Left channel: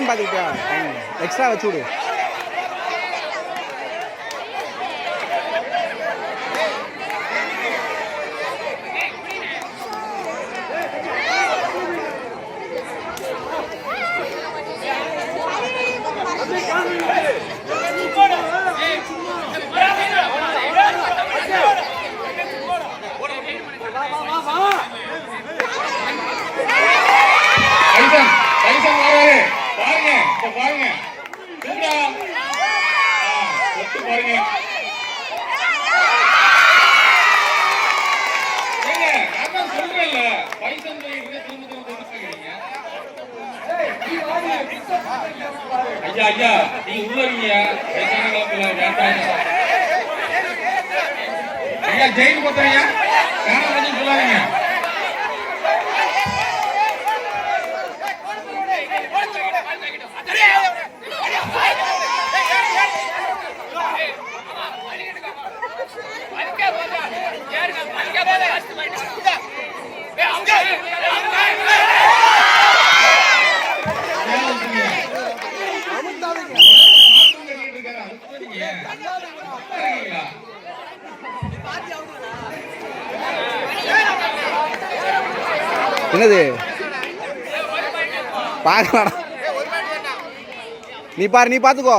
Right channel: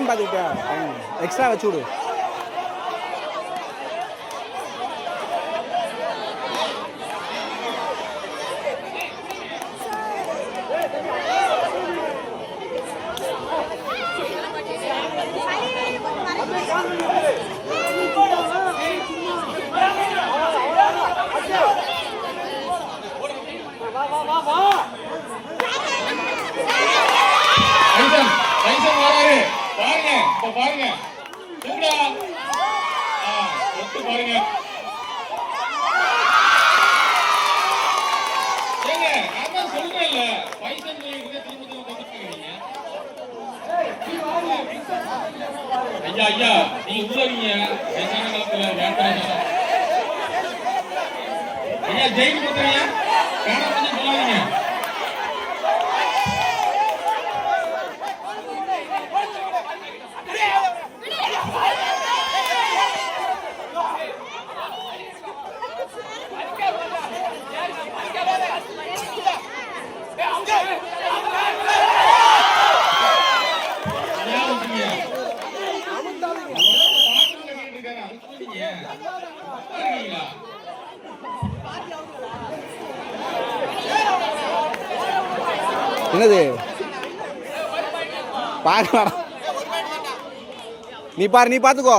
Time பார்த்துக்கிட்டியா? Time extra வச்சு விடு. என்னது? பாரு நீ பாரு நீ பாத்துக்கோ.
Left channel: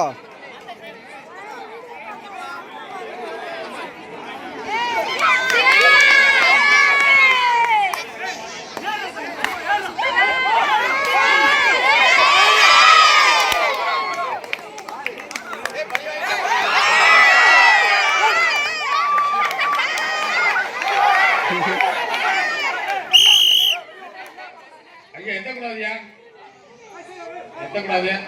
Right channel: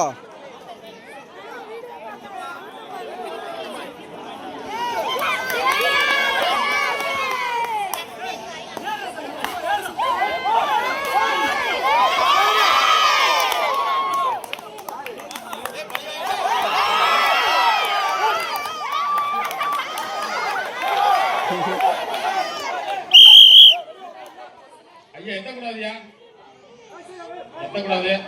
Aquí, está Claudia. Está Claudia.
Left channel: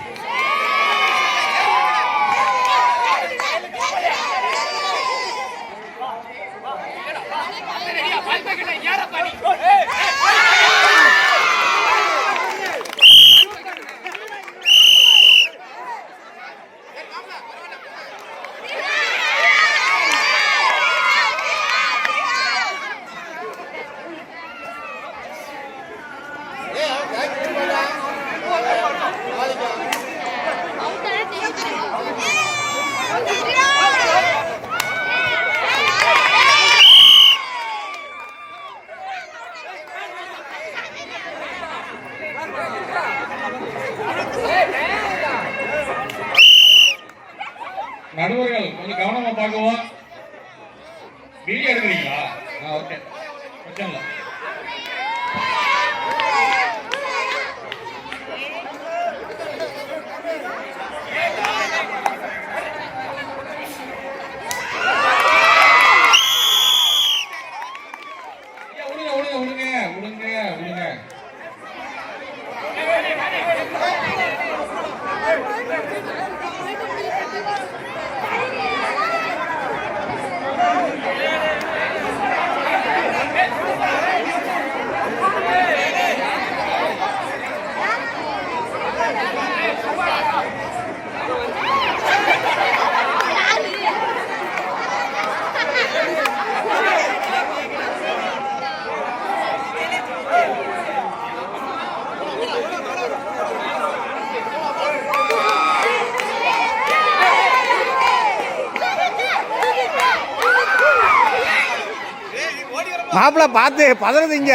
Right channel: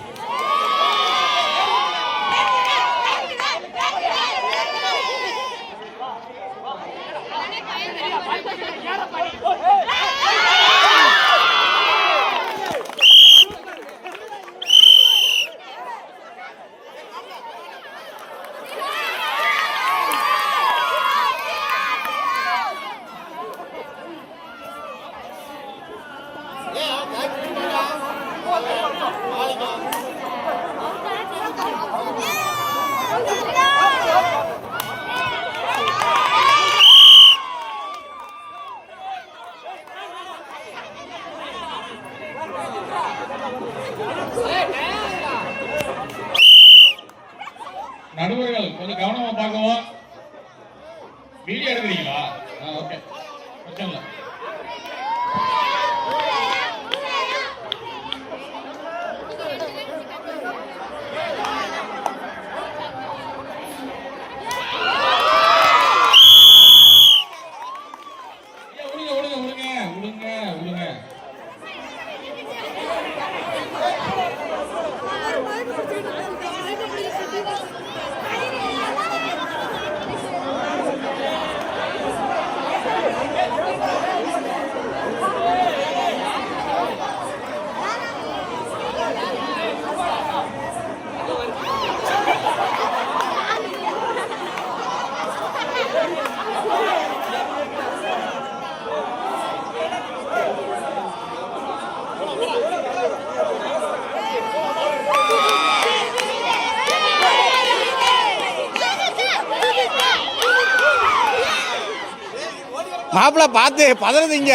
மாப்பிள்ள பார்த்து பதறது இங்க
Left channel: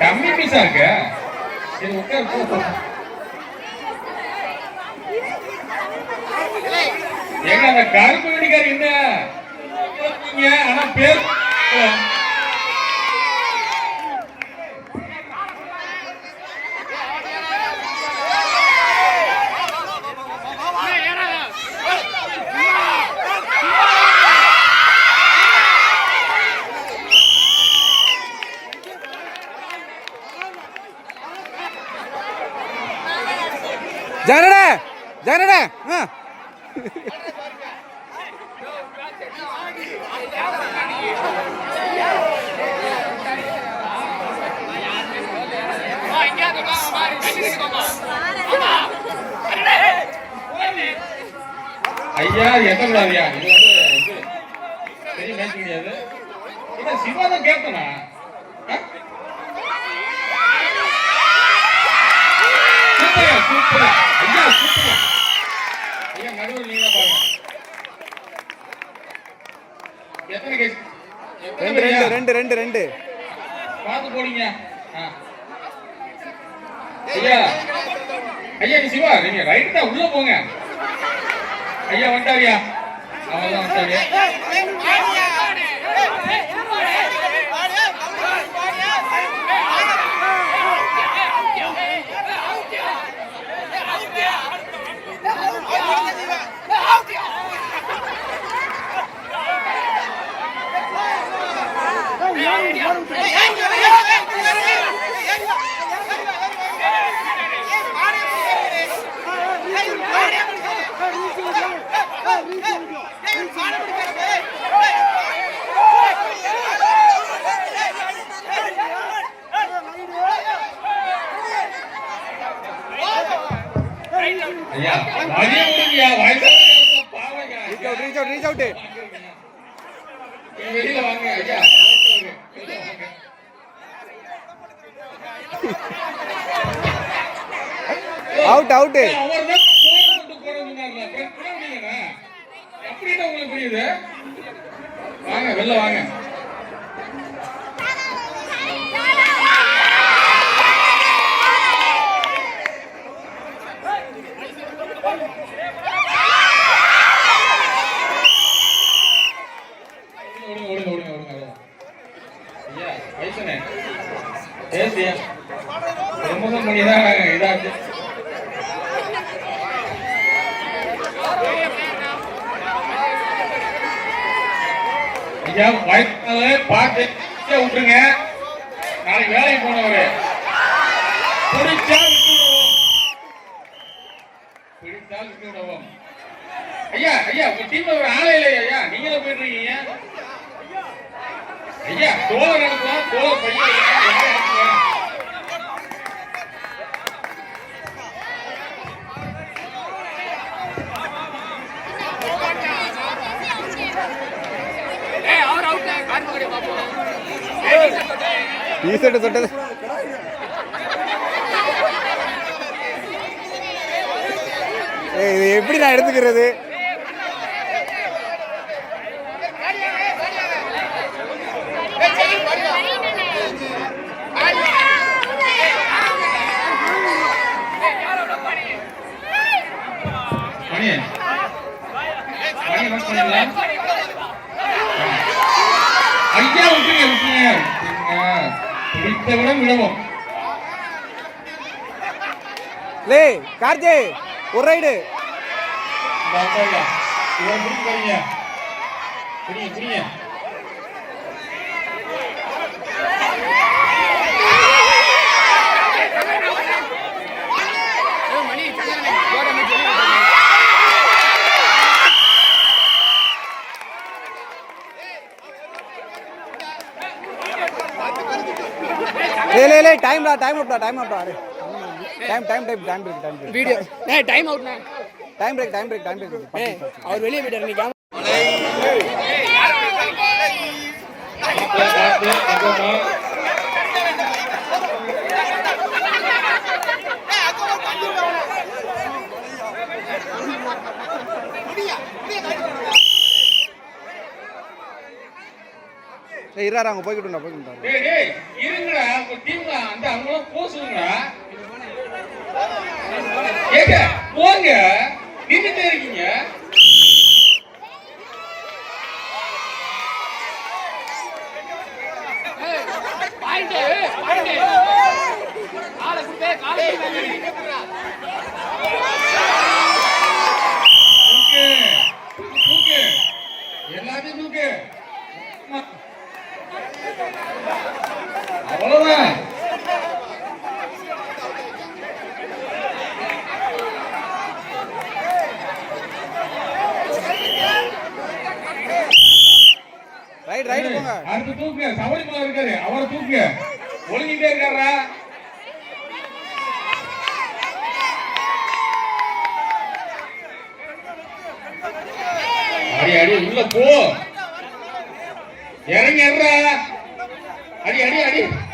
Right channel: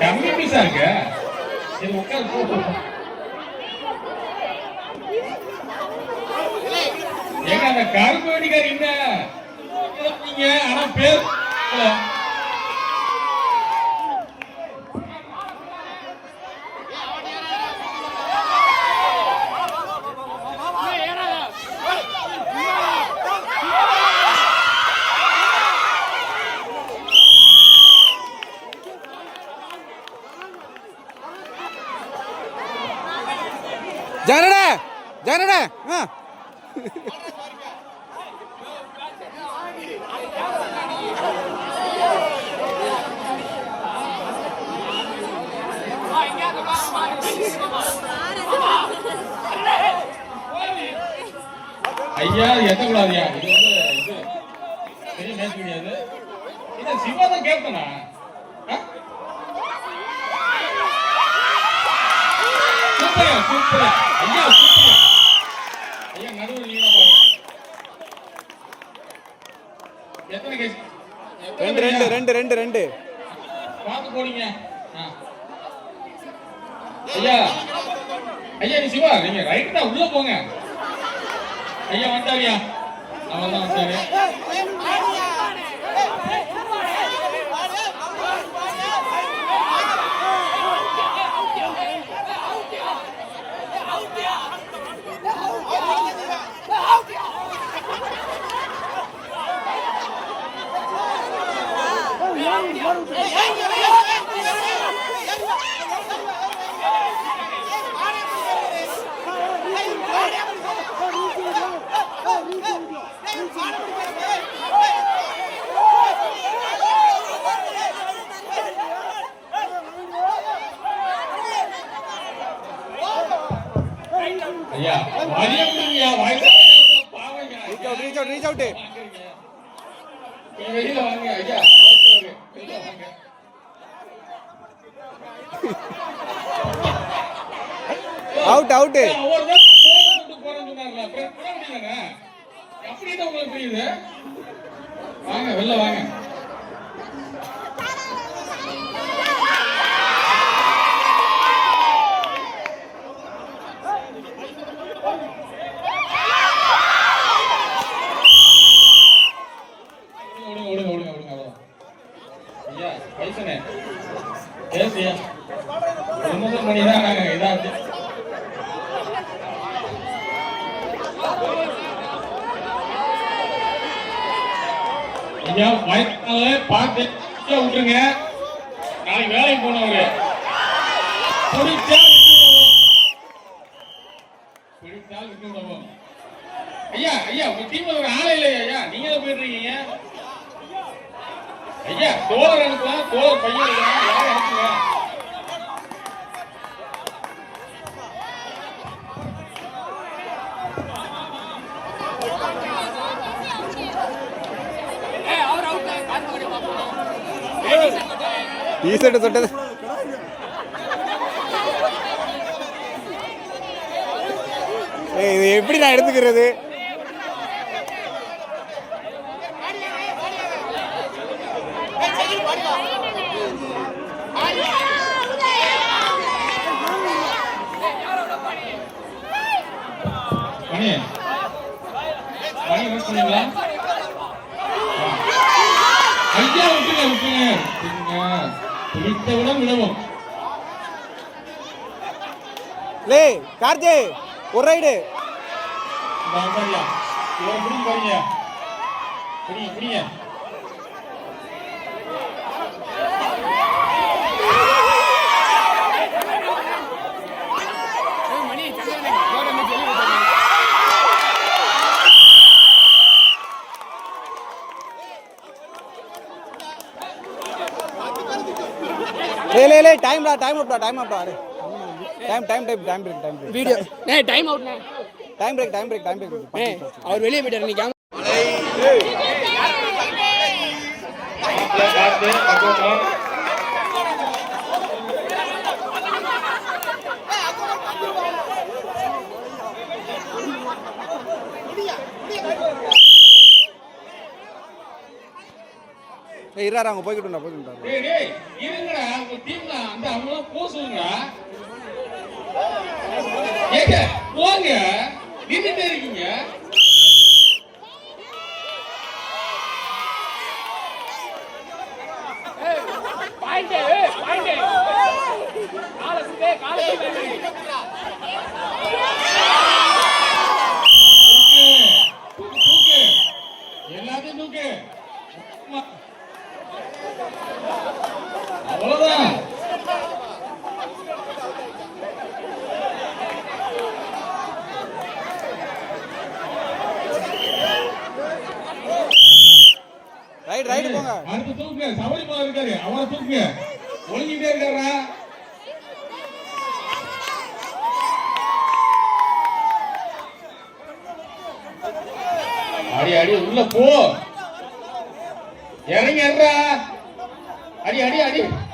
கம்மி பீஸா இருக்கு சரி உட்கார் எங்க? என்ன ஆனா பேர் É. இது சிவா தான் கேப்டனா ரெண்டு ரெண்டு ரெண்டு ரெண்டு ரெண்டு ஐயா ஐயா நீ உள்ள போங்க ஐயா வந்துட்டாரியா டீஷர்ட் தொட்டது இது எப்படி நான் எடுத்துக்கிறது? கார்த்தி ஒரு ரைடு லே லே டைம் அப்டா time அப்டா time time time time break time break video நே டைம் அவுட் நே time break time break time break ஏய் அவர் வெளிய போயிட்டாரு நீ கேம் இருறாரு அவங்க போய்கிட்டு போய்கிட்டு இருங்கடா அவங்க டீம்ல அந்த அவங்க பூசுங்க ஏங்க போங்க நின்றுட்டே இருக்கீங்க. அடி அடி அடி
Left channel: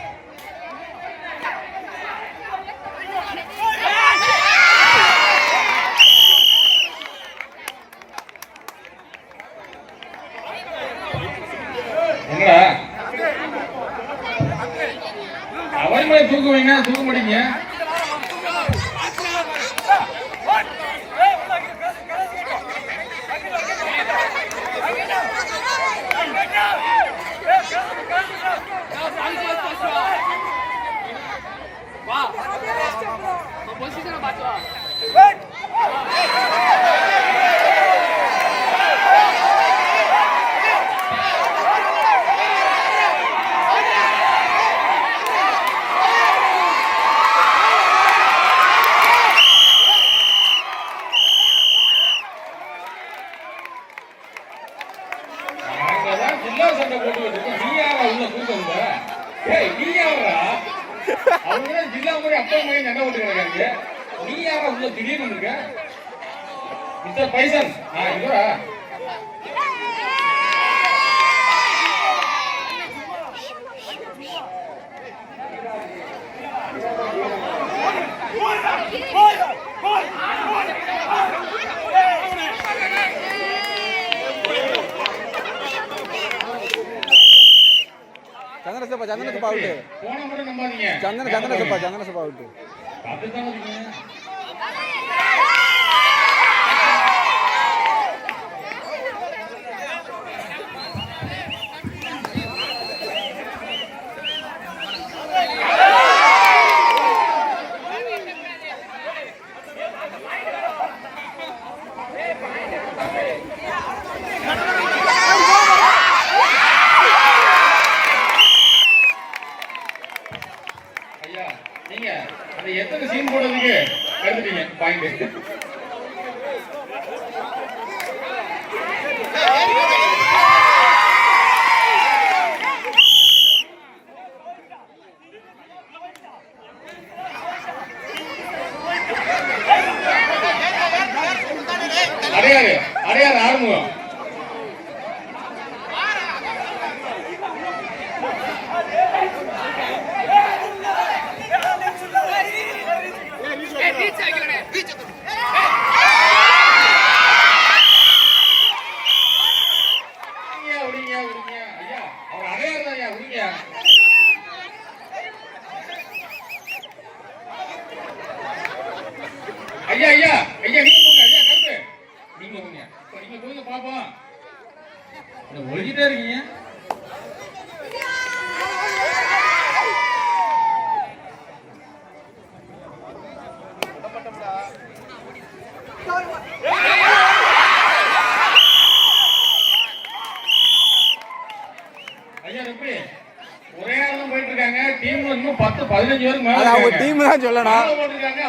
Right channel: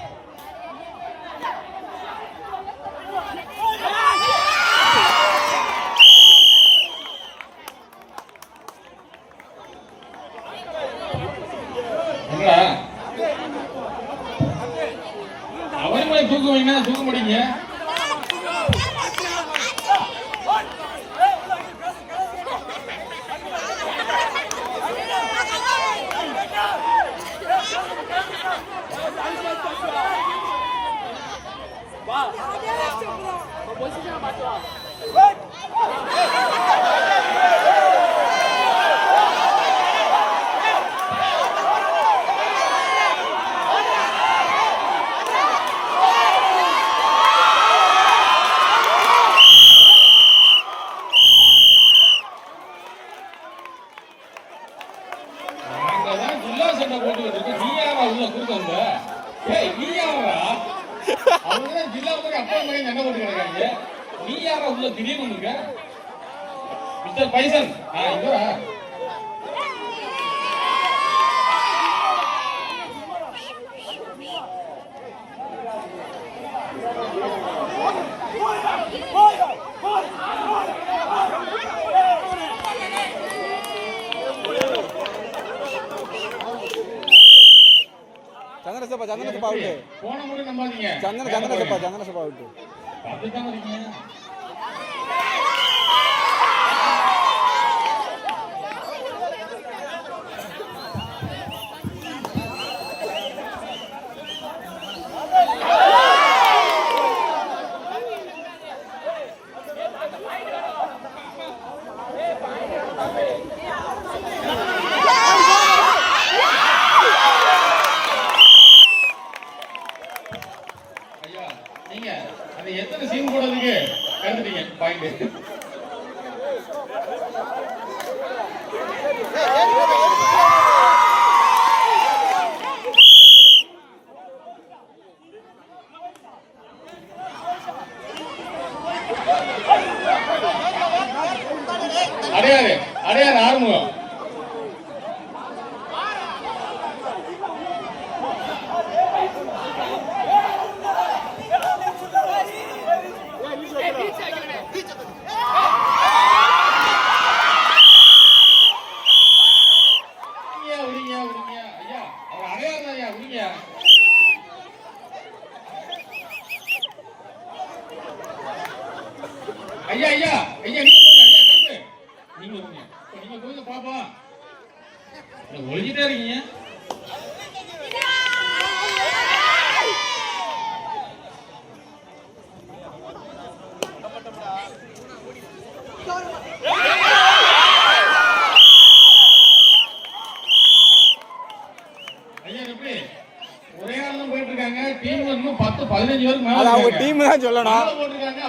அது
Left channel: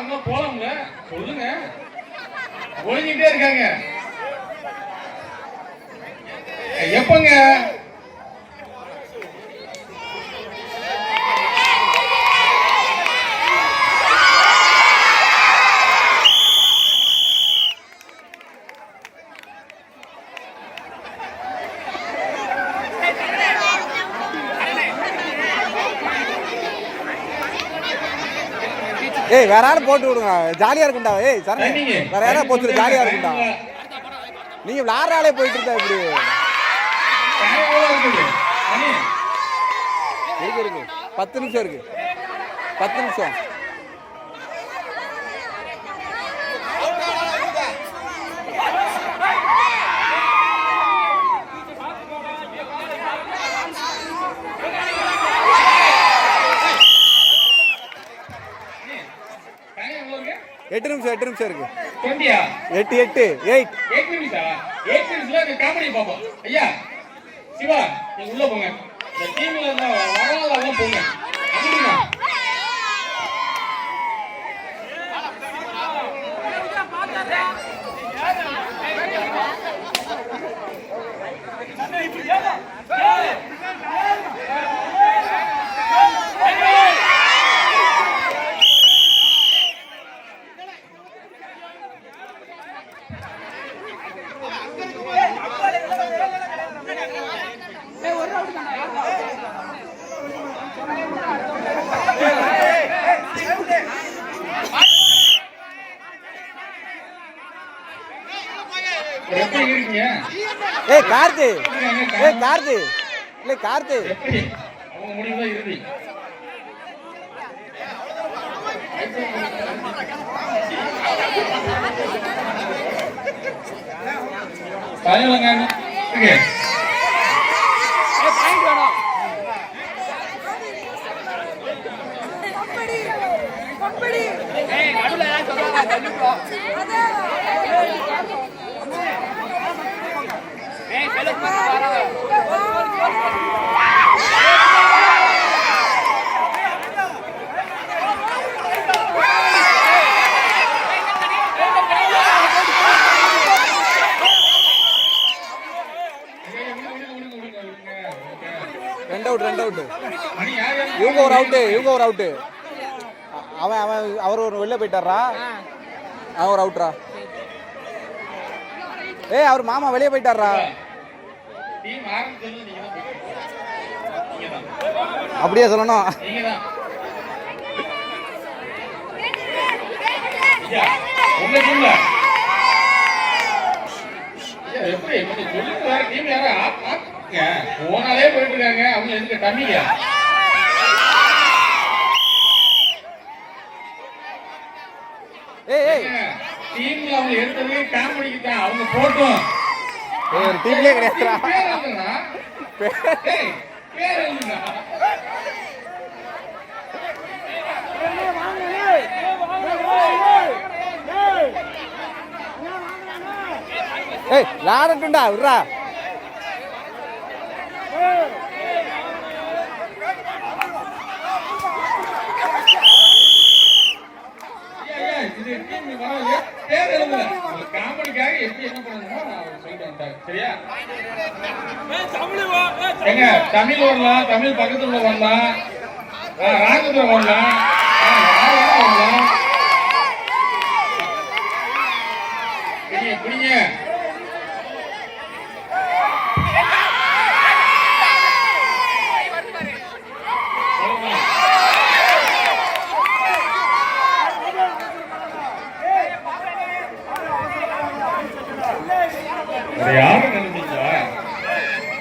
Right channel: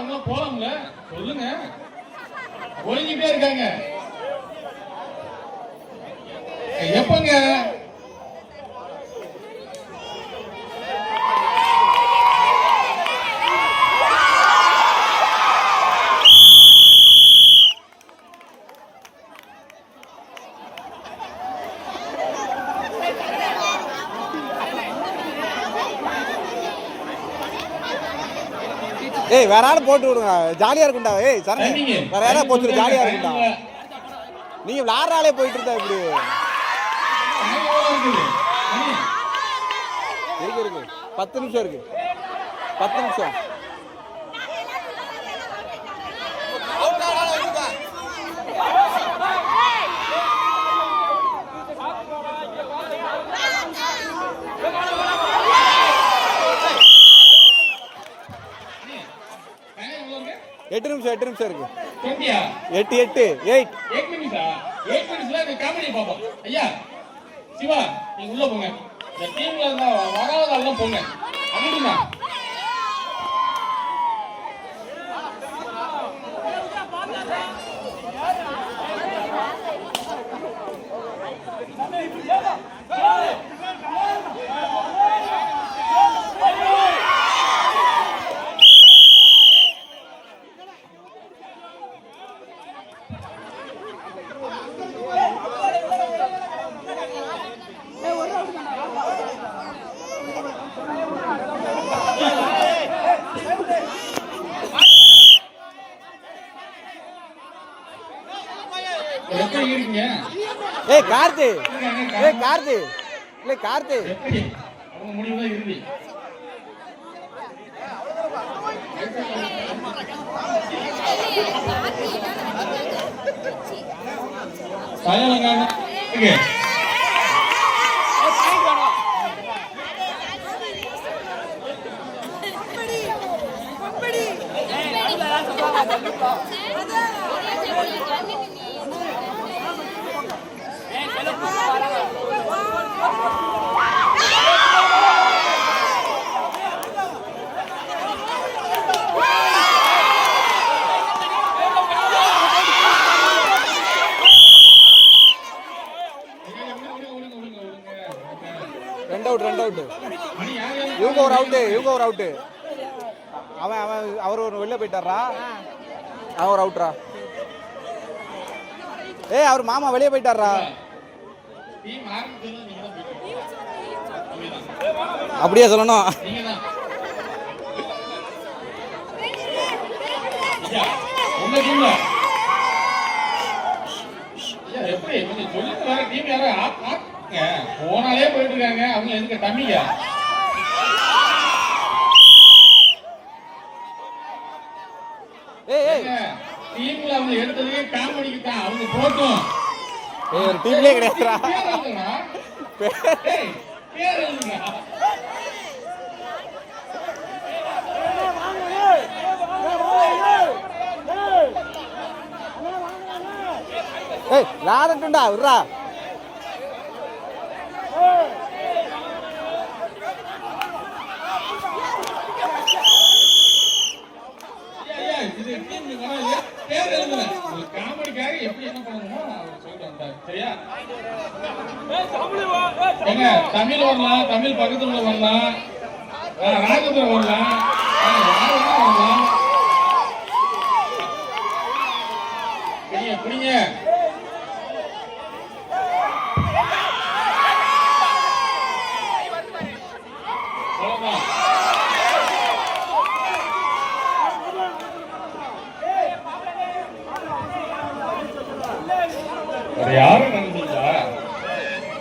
தான் சொல்லணும் சொல்லுங்க. இருக்காங்க. எப்பங்க? ஏய் வேற ஆள் போட்டு விடுங்க. ஜாலியா இருக்கும்டா. ஏய் சரண். வேற யாராவது போட்டு ஜாலியா இருக்கும்டா. நீங்க விளாடுற ஆளே போயிட்டு இருந்தா இப்படி. இருக்கு இருக்கு. பத்து நிமிஷம் இருக்கு. பத்து நிமிஷம் டைம் எவ்வளவு இருக்கு? எட்டு நிமிஷம் எட்டு நிமிஷம் இருக்கு 20 ஆ? எட்டு எட்டு எயிட் ஆ? eight minutes-ல இந்த comedy பார்ப்போம். ஐயா, சிவா, நீங்க உள்ள போங்க. இந்த team-ல இருந்த வராதவங்க போங்க. அனுப்புங்க. ஏய் கார்த்தி. ஏய் கார்த்தி. இல்லை கார்த்தி. ஏய் சொல்றாங்க? தள்ளிவிட்டோம் ஏய் செலவு வராத விடுங்க, விடுங்க, விடுங்க, விடுங்க, விடுங்க. ஓகே. ரெண்டு அவுட் ரெண்டு அவுட் மணி யார் யாரு? இவங்க ஒரு அவுட்டு இவங்க ஒரு அவுட்டு அவன் அவன் அவர் ஒரு வெளில போயிட்டாரா அவன் ஒரு அவுட்ரா ஏய் அவர் மாமா வெளியே போயிட்டாரா அப்படியே சொல்லணும்? டீம். போனாலே போயிட்டு இருக்காங்க அவங்க எதுக்கு ஏய் டீம்ல அவங்க எடுத்ததே காமெடிக்கு தான். அவங்க போட்டோம். ஏய் ஒரு டீம்லயே கிடையாதுடா. ஏய், லாடட்டுண்டா விட்றா. பேர் காமெடிக்காக எப்படி என்ன பண்ணணுமோ. சரியா தமிழ் வரலாம் தமிழ் பக்கத்துல வரலாம். ராஜபுரம் வரலாம். வரலாம்? வேற யாரும் நினைச்சீங்களா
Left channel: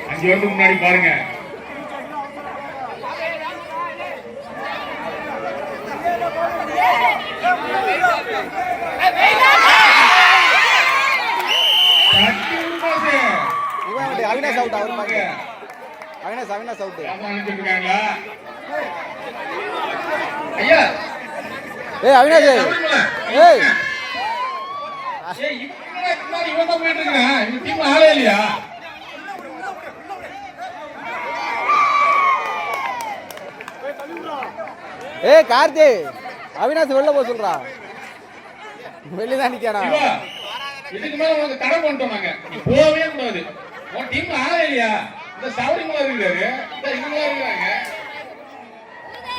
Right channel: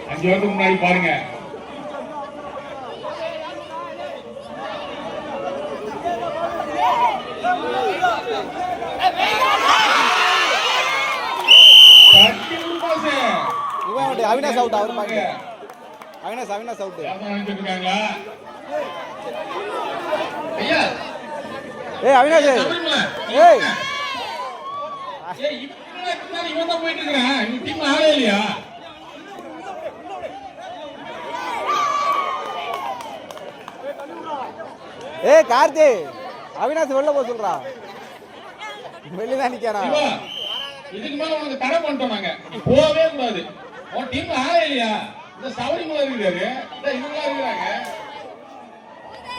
அஞ்சு வருஷத்துக்கு முன்னாடி பாருங்க. அவினாஷ் அவுட் அவர் பாருங்க அவினாஷ் அவினாஷ் அவுட் ஏய் அவினாஷ். ஏய் ஏய், இவன் இவன் team ல ஆளே இல்லையா? ஏய் கார்த்தி அவினாஷ் வெளில போக சொல்றா வெளில தான் நிக்கானா இதுக்கு மேல உனக்கு தடை பண்ணிட்டோம் நாங்க. நீ போகவே கூடாது. உன் team ல ஆளே இல்லையா? இந்த சவுரி மேல இருக்காரு. இந்த இவங்கெல்லாம் இருக்கிறாங்க.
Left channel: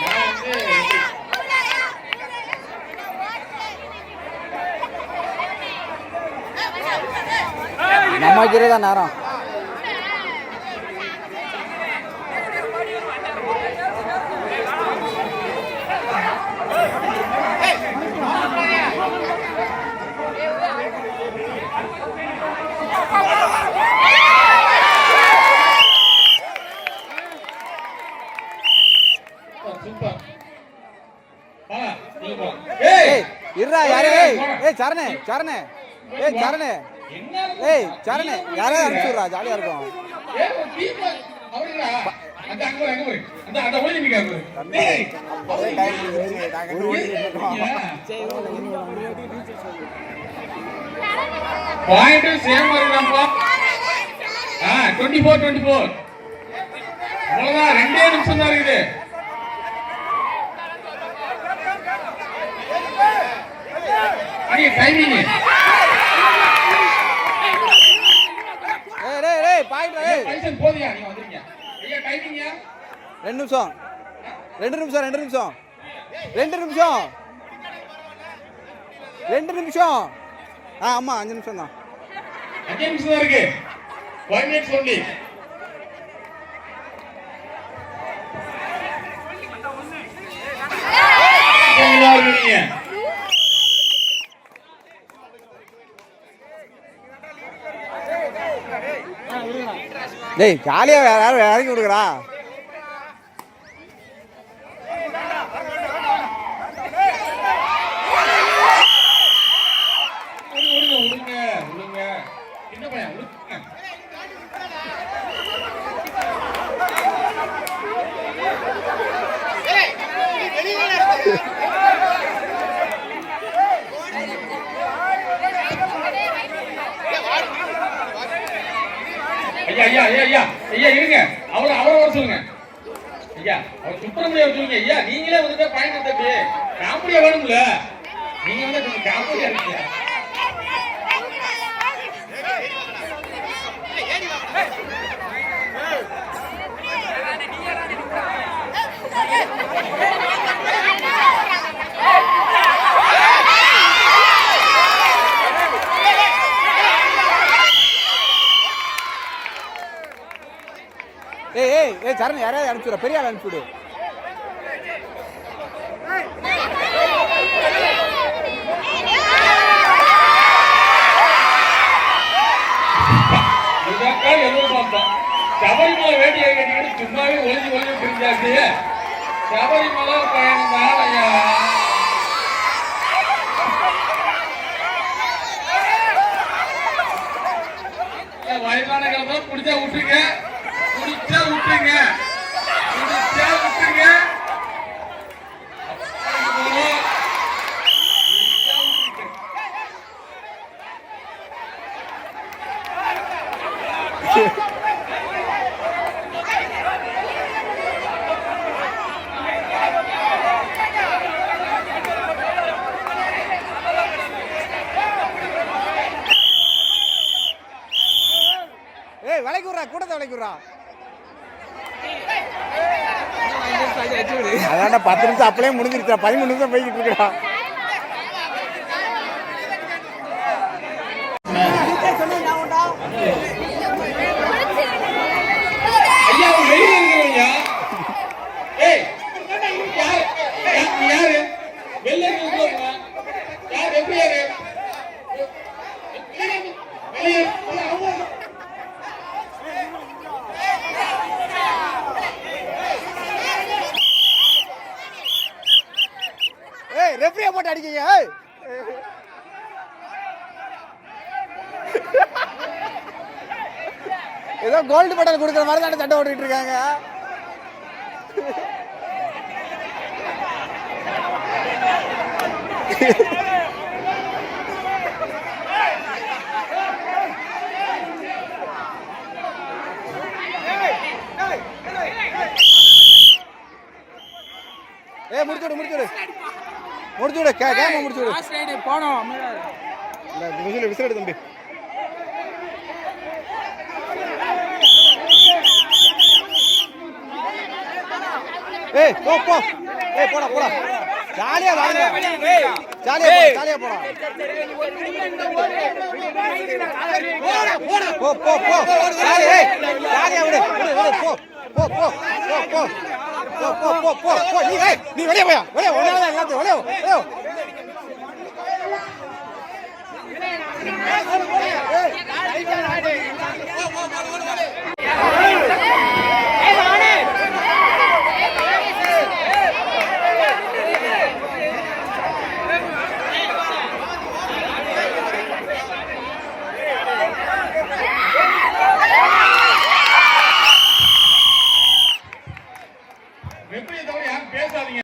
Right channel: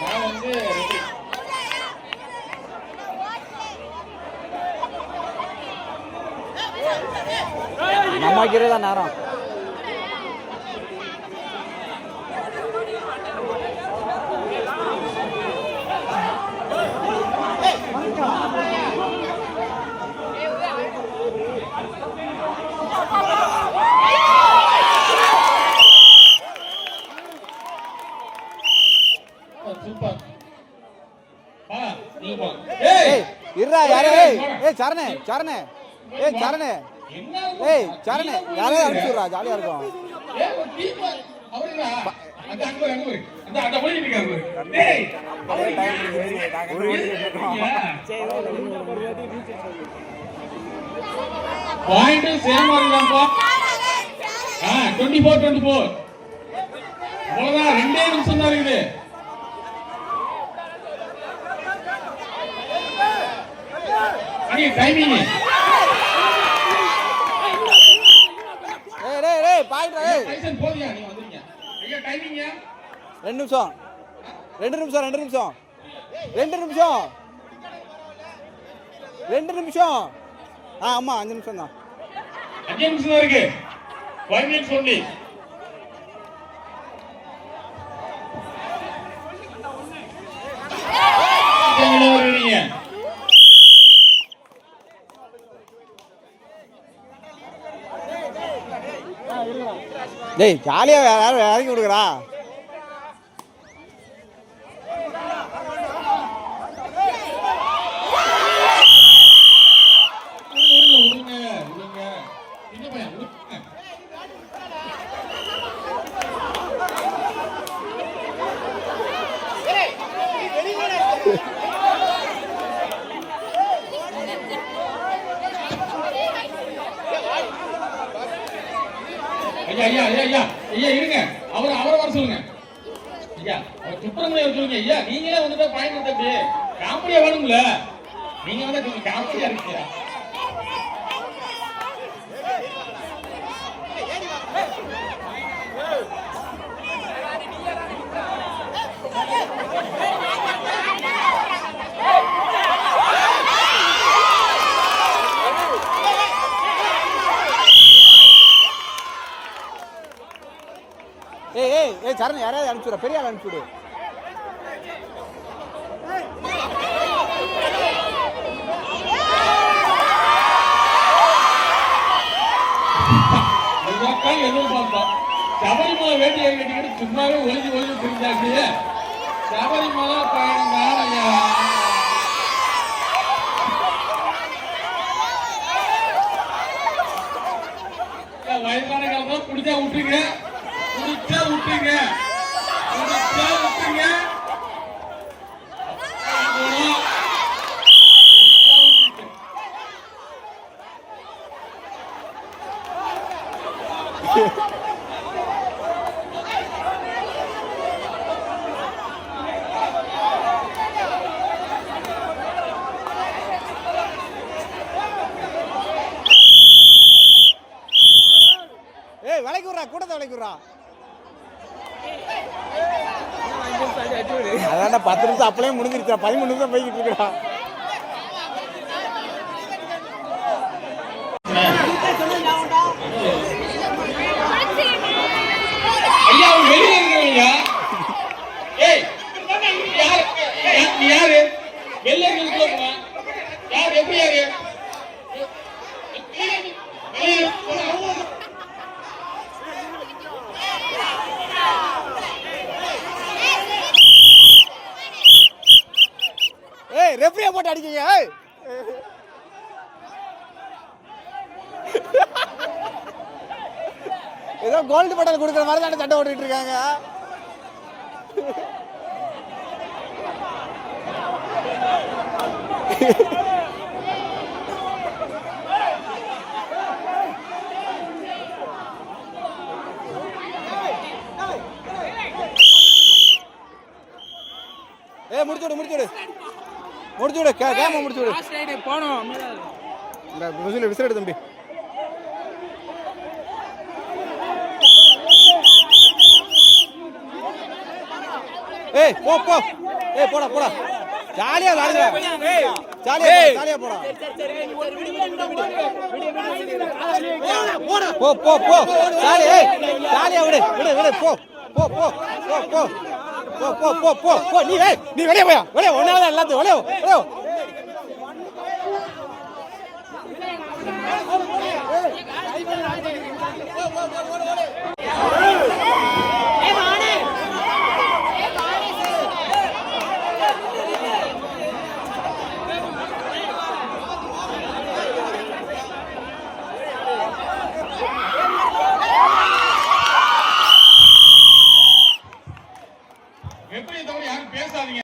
நான் வந்து நம்ம வைக்கிறதே தான் நேரம். இருடா யாரே? ஏய் ஏய் சரணே சரணே. ஏய் சரணே. ஏய் சரணே யாரையும் அனுப்பிச்சு விட்றா ஜாலியா இருக்கும். பாயிண்ட் சேம் ஆ 24 24 அவ்வளவுதான் ரெண்டே நிமிஷம் தான் இருக்குது அடி டைமிங் ஏய் டேய் டேய் பாயிண்ட் ஏய் லைசன் போதியா நீங்க வந்துருங்க ஐயா டைமிங் ரெண்டு நிமிஷம் ரெண்டு நிமிஷம் ரெண்டு நிமிஷம் ரெண்டு நிமிஷம் ரெண்டு நிமிஷம் ஆ ஆமாம் அஞ்சு நிமிஷம் தான் அஞ்சு நிமிஷம் தான் இருக்கு ஃபைவ் மினிட்ஸ் ஒன்லி டேய் ஜாலியாக யாரும் இறக்கி விடுக்குறா விடுங்க விடுங்க விடுங்க என்ன பையன் விடுங்க ஐயா ஐயா ஐயா ஐயா ஐயா இருங்க அவரை அவரை வர சொல்லுங்க ஐயா அவர் சுப்பிரமணிய சொல்லுங்க ஐயா நீங்களே வந்துட்டா பாயிண்ட் தம்பி காமெடியா வேணும்ல நீங்க வந்து கொஞ்சம் காமெடியா இருக்கு ஏய் ஏய் ஏய் அனுப்பிச்சுட பெரிய ஆள் அனுப்பிச்சுடு. சபரிமலை வேண்டிய சும்மாவே ஒளிஞ்சு ஒளிஞ்சு சபரிமலை பயணம் வயதான காலத்துல குடிச்சா விட்டுருங்க குடிச்சா விட்டுருங்க குடிச்சா விட்டுருங்க குடிச்சா விட்டுருங்க. ஏய் விலைக்கு விட்றா கூட்டத்தை விலைக்கு விட்றா அதான்டா பத்து நிமிஷம் அப்படியே முடிஞ்சிருக்கா பதிமூணு நிமிஷம் போய்கிட்டு இருக்கா கோல்டு மெடல் கொடுக்குற மாதிரி தான் சண்டை ஓடிட்டு இருக்காங்க. ஏ முடிச்சுடு முடிச்சுடு முடிச்சுடு கேமரா முடிச்சுடு போனோம் விசில் விசில் தம்பி. ஏய் போ போ. ஏய் போடா போடா. ஜாலியா வாங்க. ஜாலியா போடா ஜாலியா போடா. போ போ போ. ஜாலி ஏய் ஜாலியா விடு விடு விடு. போ போ போ போ போ. போ போ போ போ போ. நீ ஏய் நீ வெளிய போயா? வெளிய ஒண்ணால எல்லாத்தையும்? வெளிய வெளிய ஏய்.